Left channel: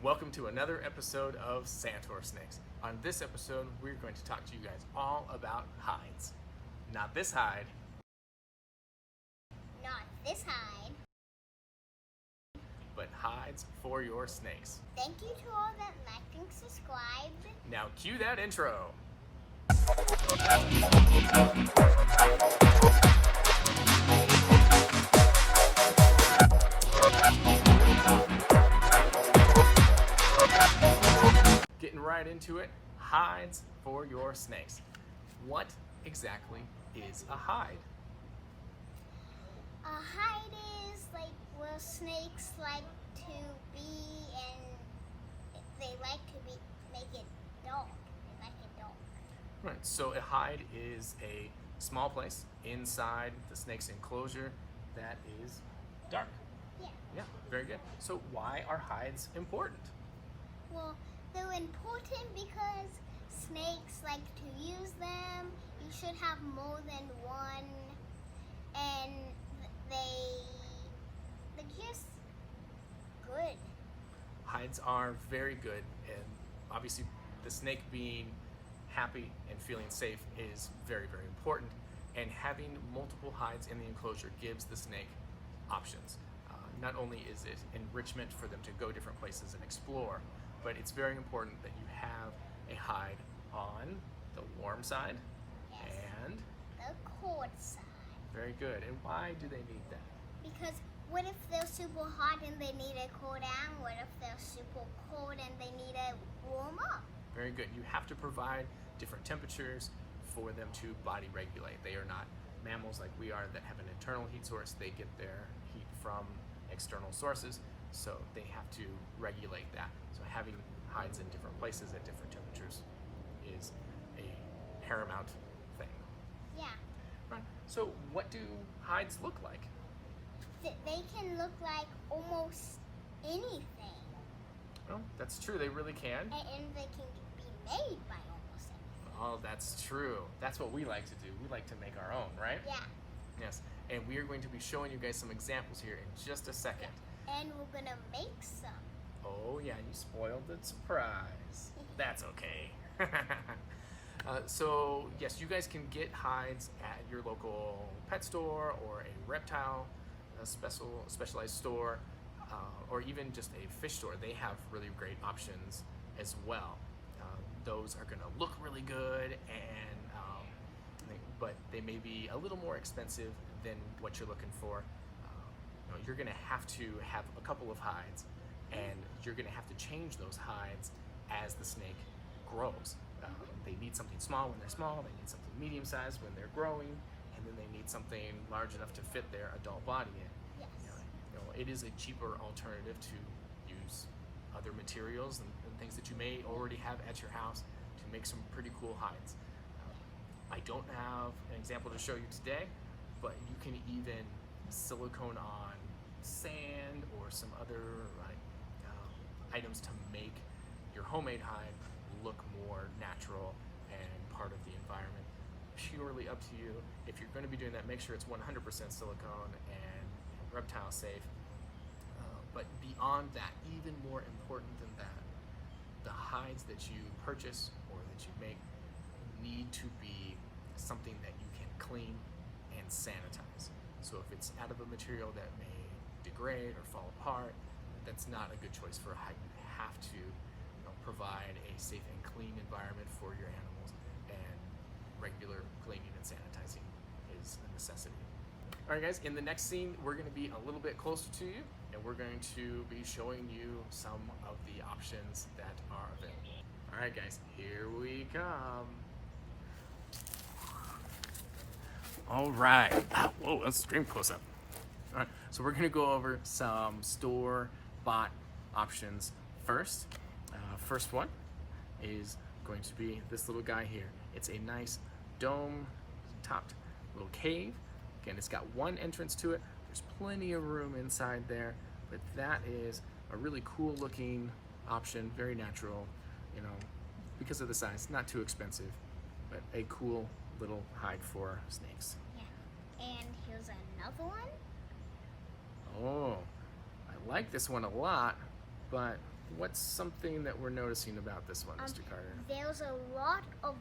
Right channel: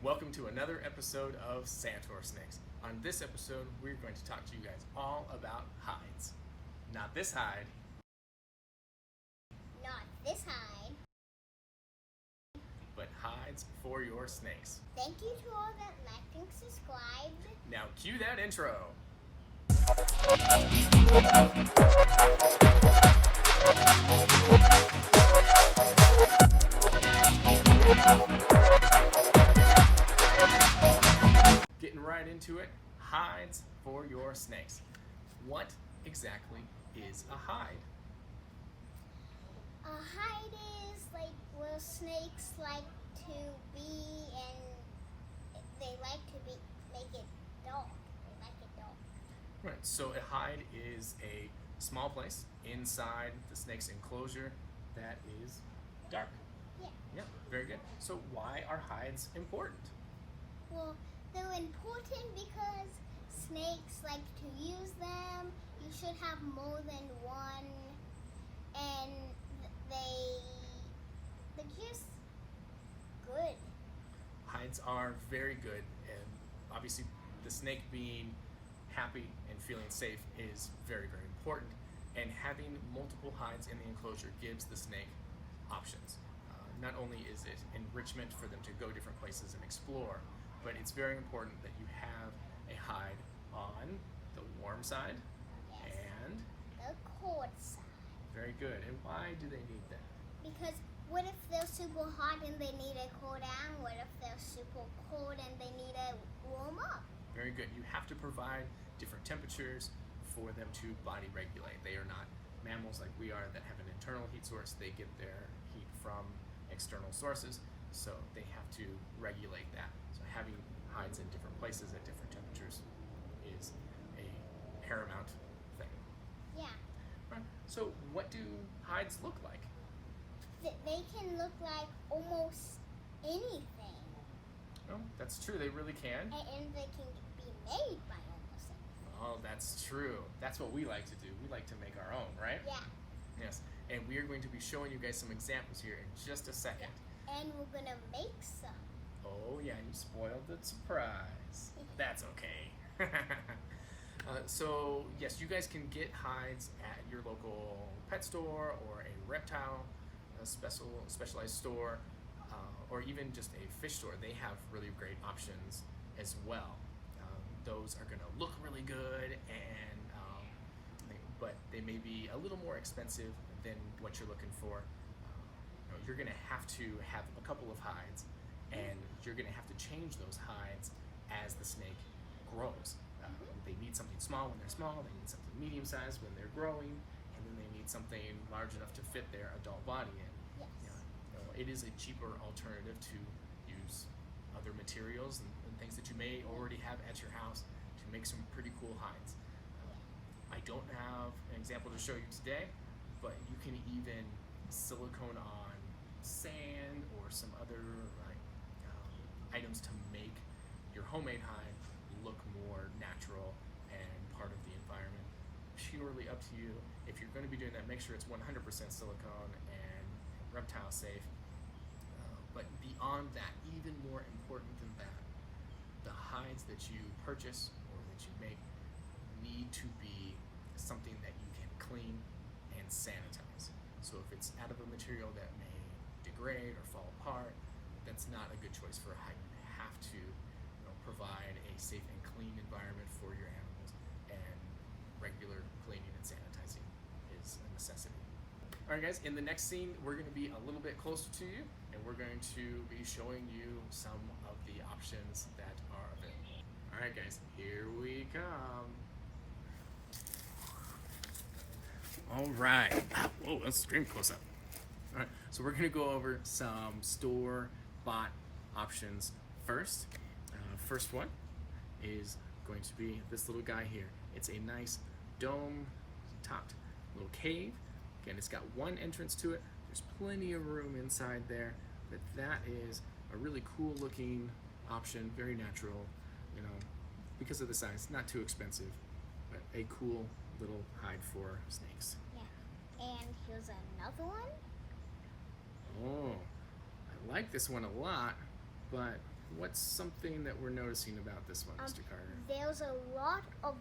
Welcome to another episode of SantorSnakes. On this episode, we're going to talk to you guys all about hides. Not this hide. Not this hide. But hides for your snakes. Thank you to all that liked and subscribed. Now cue that intro. Getting right into it, hides for your snakes. What exactly is a hide? A hide is like where snakes like to be, and they like to be make it dark. They like it dark. Right, so a hide is a small place inside the snake's enclosure that is dark. Yeah. Yeah, very good. So why are hides important? Well, they're important because snakes like to use them. You should have more than one, and they're just good. Hides are very good, and obviously the snake being happy and feeling safe is very, very important. And having multiple hides in the enclosure gives the snake options. Not only is it enrichment for them to go different places and explore, but it's very important that you have a hide on the warm side. Yes. And The cold side. very good. And why do they need that? Because what if they're super hot and they need to cool down? What if they're super cold and they need to warm up? Very good. You have to provide different temperatures for them to body regulate. They are not mammals like we are that have an internal heat source. They get their heat from external sources, so they have to regulate that. So having hides in different places at different temperatures is a paramount thing. Yeah. Right. So what do hides look like? They can look like almost anything. Well, that's true. They really can. And they can be made by almost anything. Oh, that's true. That's what we like to do. We like to make our own, right? Yeah. Yes. And we are going to be showing you guys some examples here in just a second. And we're gonna make some. Oh yeah, you spoiled the surprise. That's okay. So yes, you guys can get hides at your local pet store or a reptile specialized store, or even just a fish store. They have really great options as well. Those are going to look really good, and but they may be a little more expensive than what you're looking for. You're going to have a couple of hides, and you're going to have to change those hides as the snake grows. They need something small when they're small, they need something medium-sized when they're growing, and then they need something large enough to fit their adult body in. Yes. It is a cheaper alternative to use other materials and things that you may already have at your house to make some pretty cool hides. I don't have an example to show you today, but you can even silicone on sand or some other items to make your homemade hide look more natural and part of the environment. Purely up to you. If you're going to be doing that, make sure it's 100% silicone and reptile safe. But beyond that, even more important than that, the hides that you purchase or that you make need to be something that you can clean and sanitize. So if it's out of a material that may degrade or fall apart, that's not a good choice for a hide. You have to provide a safe and clean environment for your animals, and regular cleaning and sanitizing is a necessity. All right, guys, in the next scene, we're going to be a little bit closer to you, and we're going to be showing you some of the options that are available. All right, guys, here we come. All right. Whoa, let's scream close up. All right, so we're going to go over some store-bought options first. First one is going to be this little guy here. It's a nice dome-topped little cave. Again, it's got one entrance to it. There's plenty of room inside there, but that is a really cool looking option, very natural, because of the size, not too expensive, but a cool little hide for snakes. Yeah. And here's another one. Oh, I like this one a lot, but what's something that we're noticing about this one, Mr. Carter? There's a lot of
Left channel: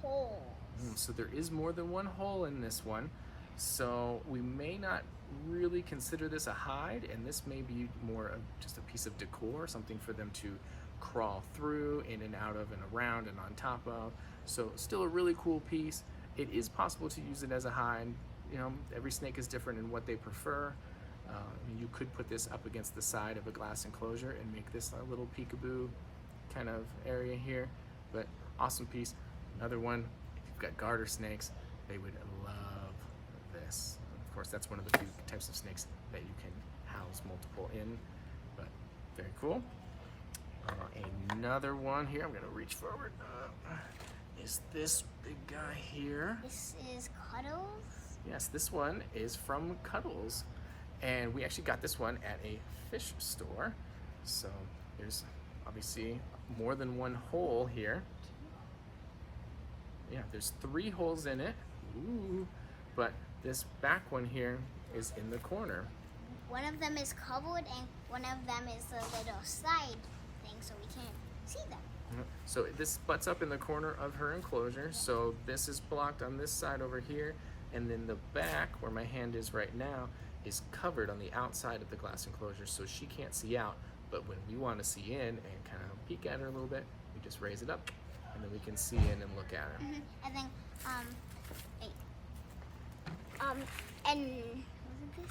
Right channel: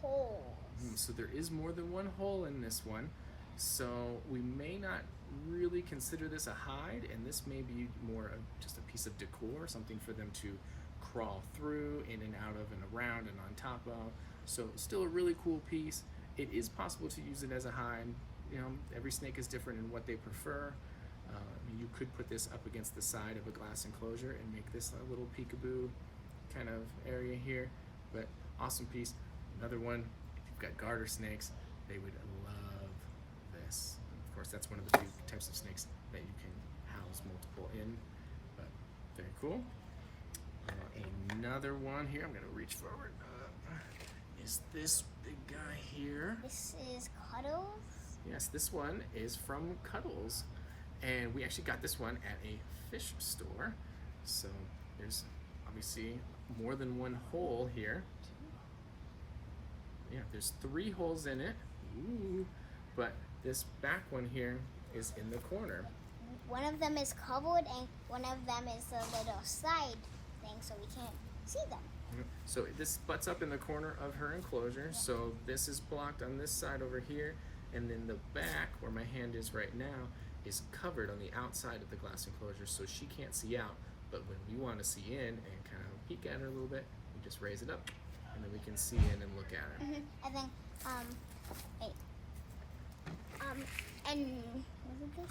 holes. So there is more than one hole in this one. So we may not really consider this a hide, and this may be more of just a piece of decor, something for them to crawl through, in and out of, and around, and on top of. So still a really cool piece. It is possible to use it as a hide. You know, every snake is different in what they prefer. You could put this up against the side of a glass enclosure and make this a little peekaboo kind of area here. But awesome piece. Another one, if you've got garter snakes, they would love this. Of course, that's one of the few types of snakes that you can house multiple in, but very cool. Another one here, I'm gonna reach forward, is this big guy here. This is Cuddles. Yes, this one is from Cuddles, and we actually got this one at a fish store. So there's obviously more than one hole here. Yeah, there's 3 holes in it. Ooh, but this back one here is in the corner. One of them is covered and one of them is a little side thing so we can't see them. So this butts up in the corner of her enclosure. Yeah. So this is blocked on this side over here, and then the back, where my hand is right now, is covered on the outside of the glass enclosure, so she can't see out. But when we want to see in and kind of peek at her a little bit, we just raise it up, and then we can see in and look at her. And then, and was it this?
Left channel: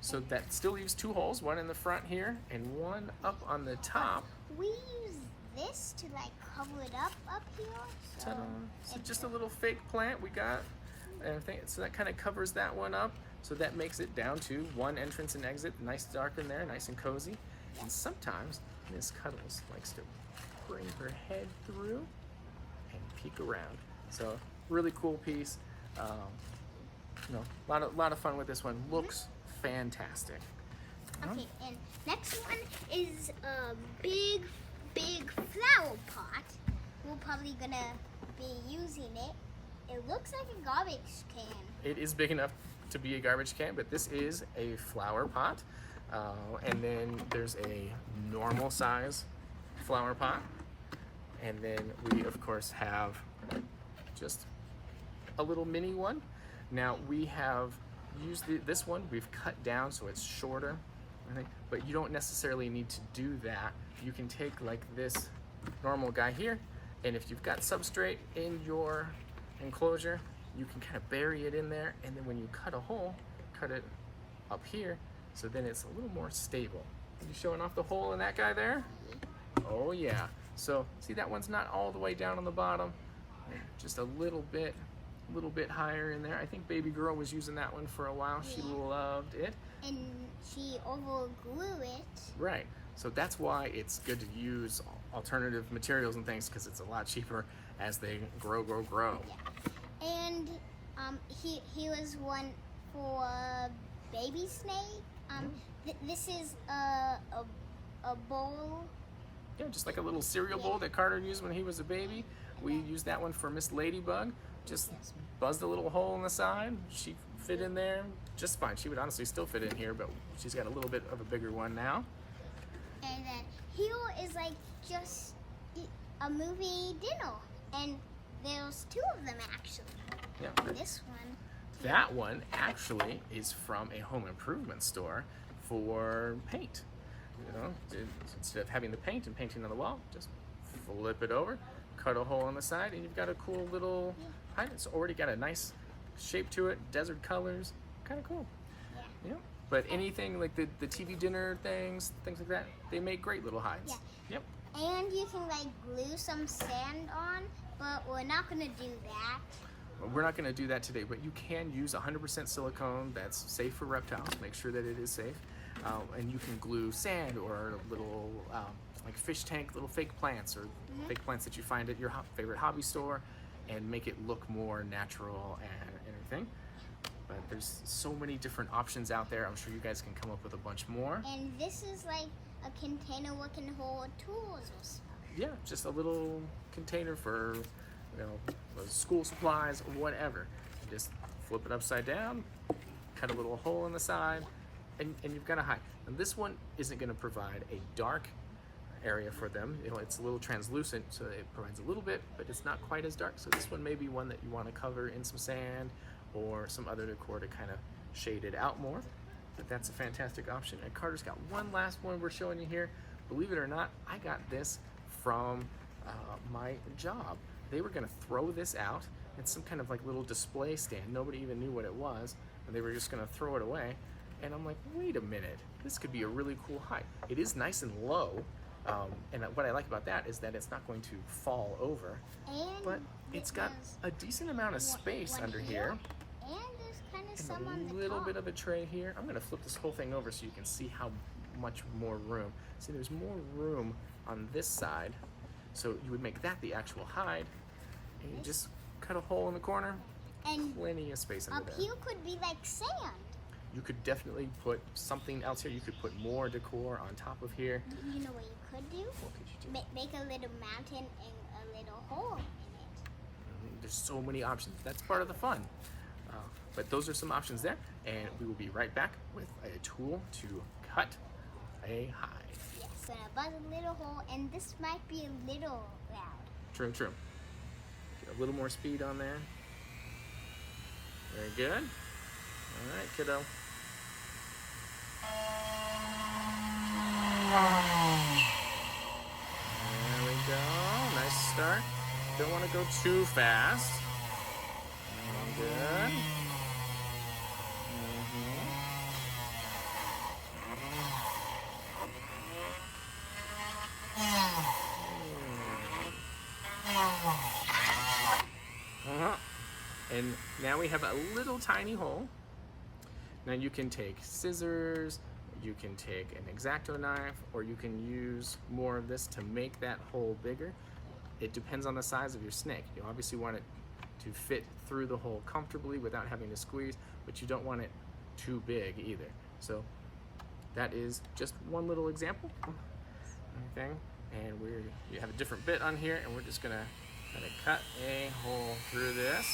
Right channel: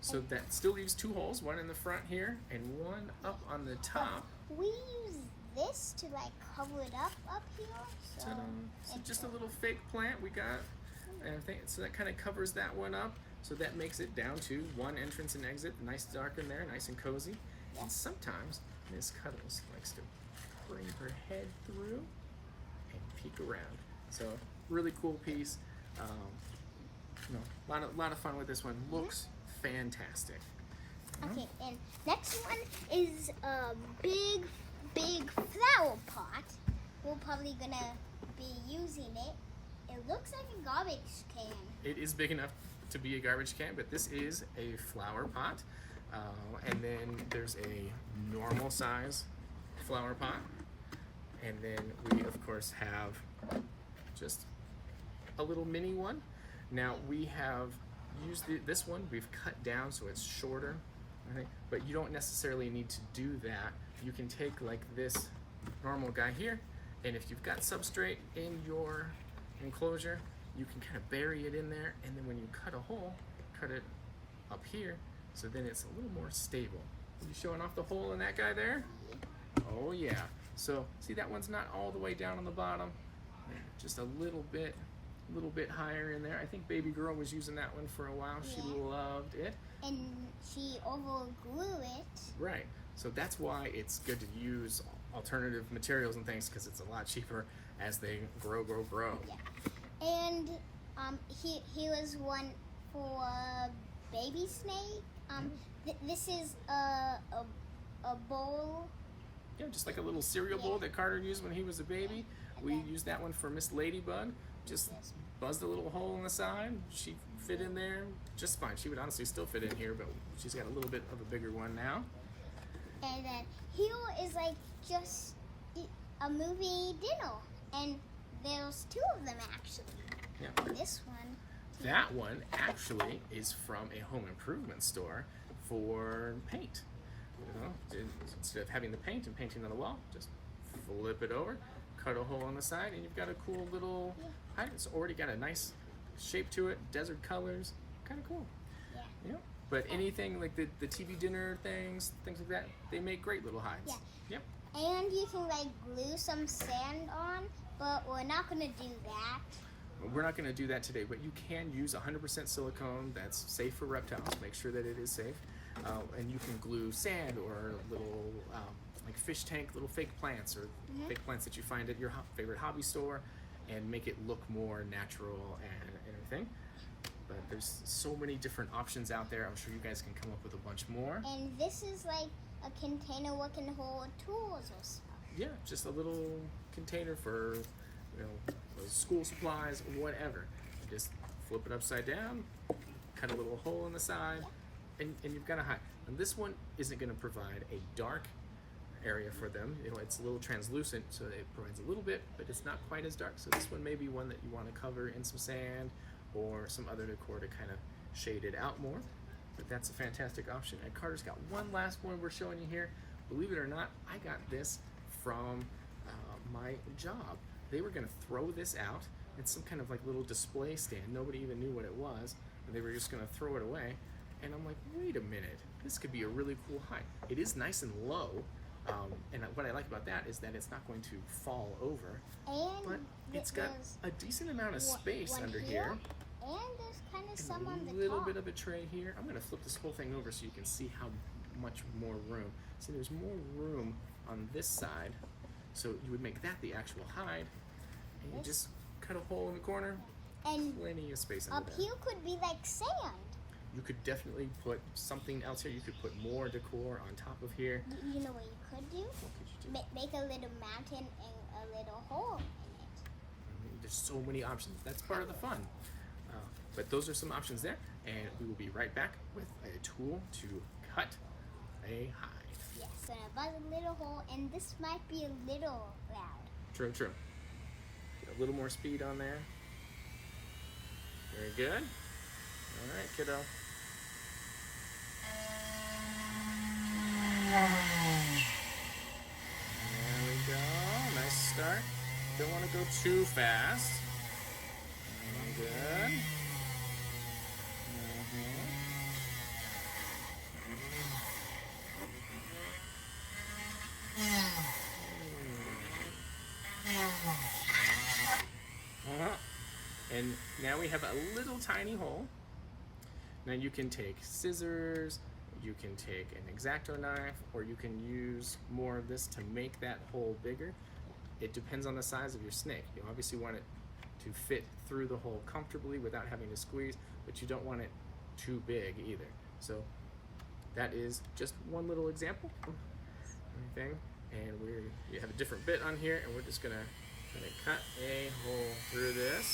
So that still leaves 2 holes, one in the front here and one up on the top. We use this to like cover it up here. So Ta-da. So just a little fake plant we got. So that kind of covers that one up. So that makes it down to 1 entrance and exit, nice dark in there, nice and cozy. Yeah. And sometimes Miss Cuddles likes to bring her head through and peek around. So really cool piece. You know, lot of fun with this one. Looks fantastic. Okay, and next one is a big flower pot. We're probably gonna be using it. It looks like a garbage can. It is big enough to be a garbage can, but this is a flower pot. And then there's a normal size flower pot. And then we, of course, have just a little mini one. Now, we have used this one. We've cut down so it's shorter. Right? But you don't necessarily need to do that. You can take like this normal guy here, and if you've got substrate in your enclosure, you can kind of bury it in there, and then when you cut a hole, cut it up here, so then it's a little more stable. Are you showing off the hole in that guy there? Oh yeah. So see, that one's not all the way down on the bottom, just a little bit higher in there. I think baby girl was using that one for a while. She loved it. And she overgrew it. Right. So that's why it's good to use alternative materials and things, because it's a lot cheaper as they grow. Yeah. And he was one for baby snake. This is a bowl. Yeah, just like a little cereal bowl that Carter used when he was a baby. We used that one for Miss Ladybug. Just buzzed a little hole in the side. She fit in there just fine. She would honestly still fit in here, but she's got a little bit of a bigger one now. And then here is like just a movie dinner, and there's 2 of them actually. Yeah. This one. That one actually is from a home improvement store for paint. You know, instead of having the paint and painting on the wall, just flip it over, cut a hole on the side, and you've got a cool little height. It's already got a nice shape to it, desert colors, kind of cool. Yeah. You know, but anything like the TV dinner things like that, they make great little hides. Yeah. Yep. And you can like glue some sand on, but we're not gonna do that. We're not going to do that today, but you can use 100% silicone that's safe for reptiles. Make sure that it is safe. And you can glue sand or little like fish tank, little fake plants or fake plants that you find at your favorite hobby store, and make it look more natural and everything. But there's so many different options out there. I'm sure you guys can come up with a bunch more. And this is like a container we can hold tools or stuff. Yeah, just a little container for, you know, school supplies or whatever. You just flip it upside down, cut a little hole in the side, and you've got a hide. And this one isn't going to provide a dark area for them. It's a little translucent, so it provides a little bit, but it's not quite as dark. So this one may be one that you want to cover in some sand or some other decor to kind of shade it out more. But that's a fantastic option. And Carter's got one last one we're showing you here. Believe it or not, I got this from my job. They were going to throw this out. It's some kind of like little display stand. Nobody even knew what it was, and they were just going to throw it away. And I'm like, wait a minute, this could be a really cool height. It is nice and low. And what I like about that is that it's not going to fall over, but it's got a decent amount of space under here. And there's kind of some on the top. A little bit of a tray here. I'm going to flip this whole thing over so you can see how much more room. See, there's more room on this side. So you would make that the actual hide. And you just cut a hole in the corner. And plenty of space under there. Up here could be like sand. You could definitely put something else here. You could put more decor on top of here. You know what you could do? What could you do? Make a little mountain and a little hole in it. There's so many options. That's part of the fun. But those are some options there. And we will be right back with a tool to cut a hide. Yes, and about a little hole. And this might be a little loud. True, true. Get a little more speed on there. Very good. All right, kiddo. There we go. Nice start. Don't want to go too fast. Good. And now we have a little tiny hole. Now you can take scissors, you can take an X-Acto knife, or you can use more of this to make that hole bigger. It depends on the size of your snake. You obviously want it to fit through the hole comfortably without having to squeeze, but you don't want it too big either. So that is just one little example. Okay. And you have a different bit on here, and we're just gonna kind of cut a hole through this.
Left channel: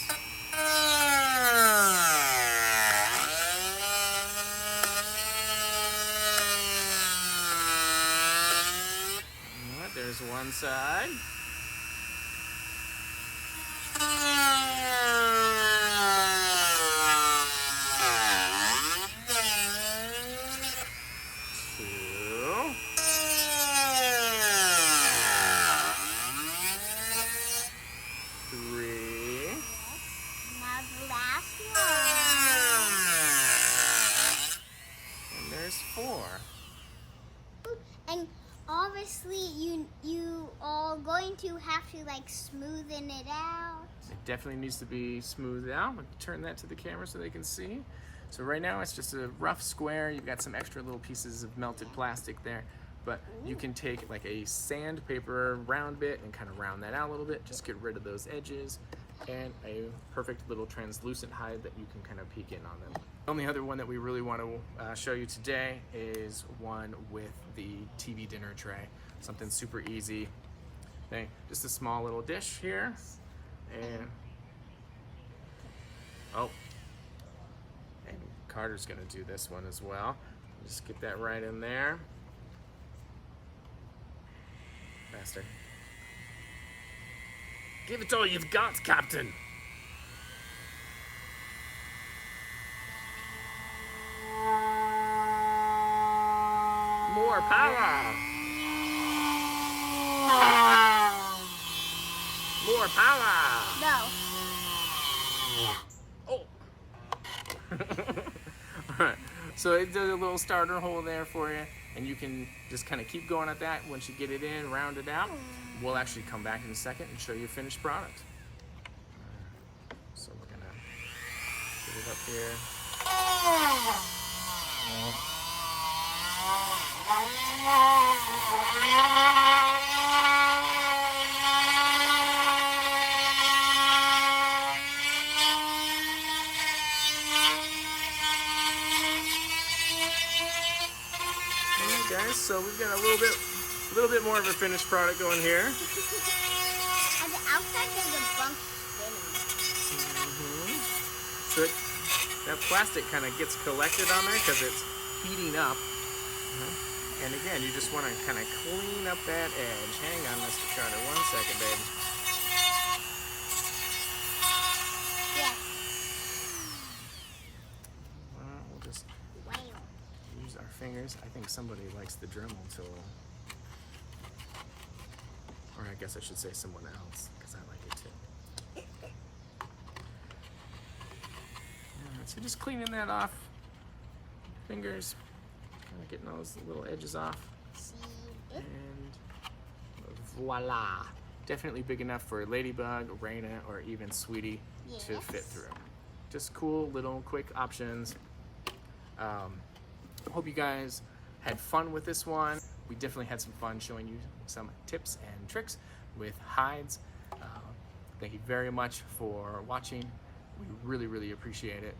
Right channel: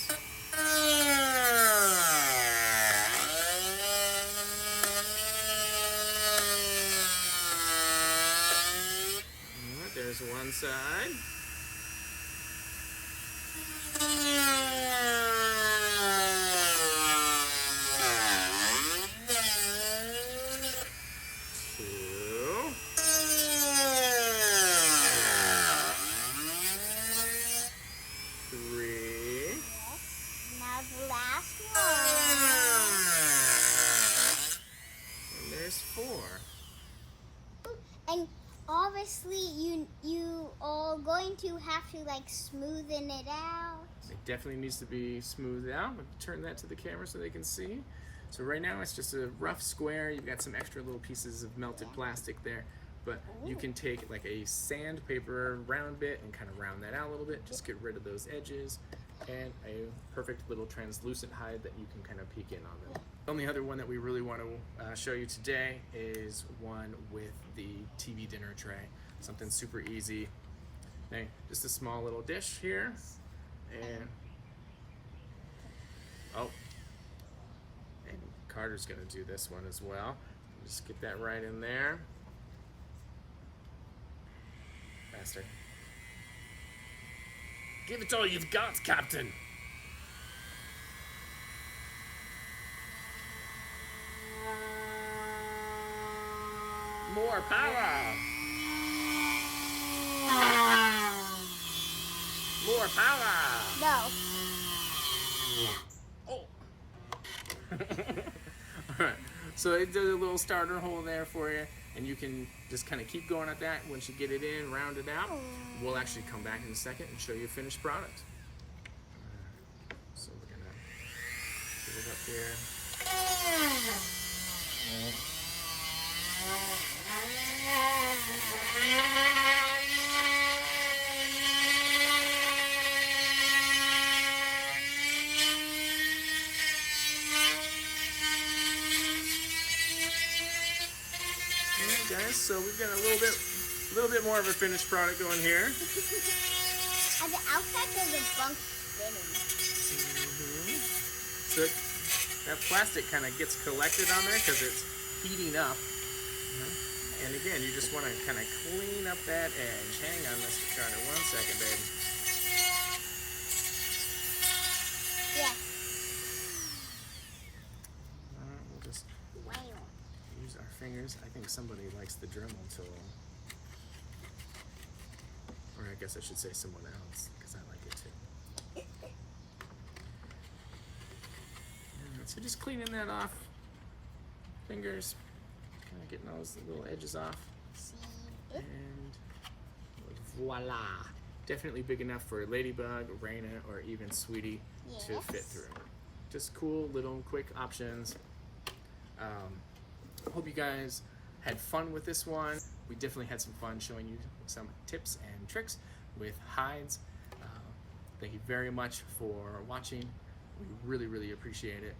Alright, there's one side. And obviously you are going to have to like smoothen it out. It definitely needs to be smoothed out. We'll turn that to the camera so they can see. So right now it's just a rough square. You've got some extra little pieces of melted plastic there. But you can take like a sandpaper round bit and kind of round that out a little bit. Just get rid of those edges. And a perfect little translucent hide that you can kind of peek in on them. The only other one that we really want to show you today is one with the TV dinner tray. Something super easy. Okay, just a small little dish here. And and Carter's gonna do this one as well. Just get that right in there. Faster. Give it all you've got, Captain. More power. More power. No. Oh. Alright, so it does a little starter hole there for you, and you can just kind of keep going at that. Once you get it in, round it out, we'll actually come back in a second and show you a finished product. So we're gonna put it up here. Alright guys, so we've got a little bit more of a finished product going here. On the outside there's a bunk spinning. So that plastic kind of gets collected on there because it's heating up. And again, you just want to kind of clean up that edge. Hang on, Mr. Carter, 1 second, babe. Yeah. We'll just Wow. use our fingers. I think somebody likes the Dremel tool. Or I guess I should say someone else, because I like it too. So just cleaning that off. Fingers, kind of getting those little edges off. See? And voila. Definitely big enough for Ladybug, Raina, or even Sweetie to Yes. fit through. Just cool little quick options. Hope you guys had fun with this one. We definitely had some fun showing you some tips and tricks with hides. Thank you very much for watching. We really, really appreciate it.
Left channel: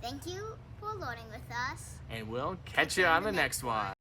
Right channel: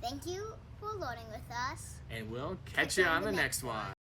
Thank you for learning with us. And we'll catch you on the next one.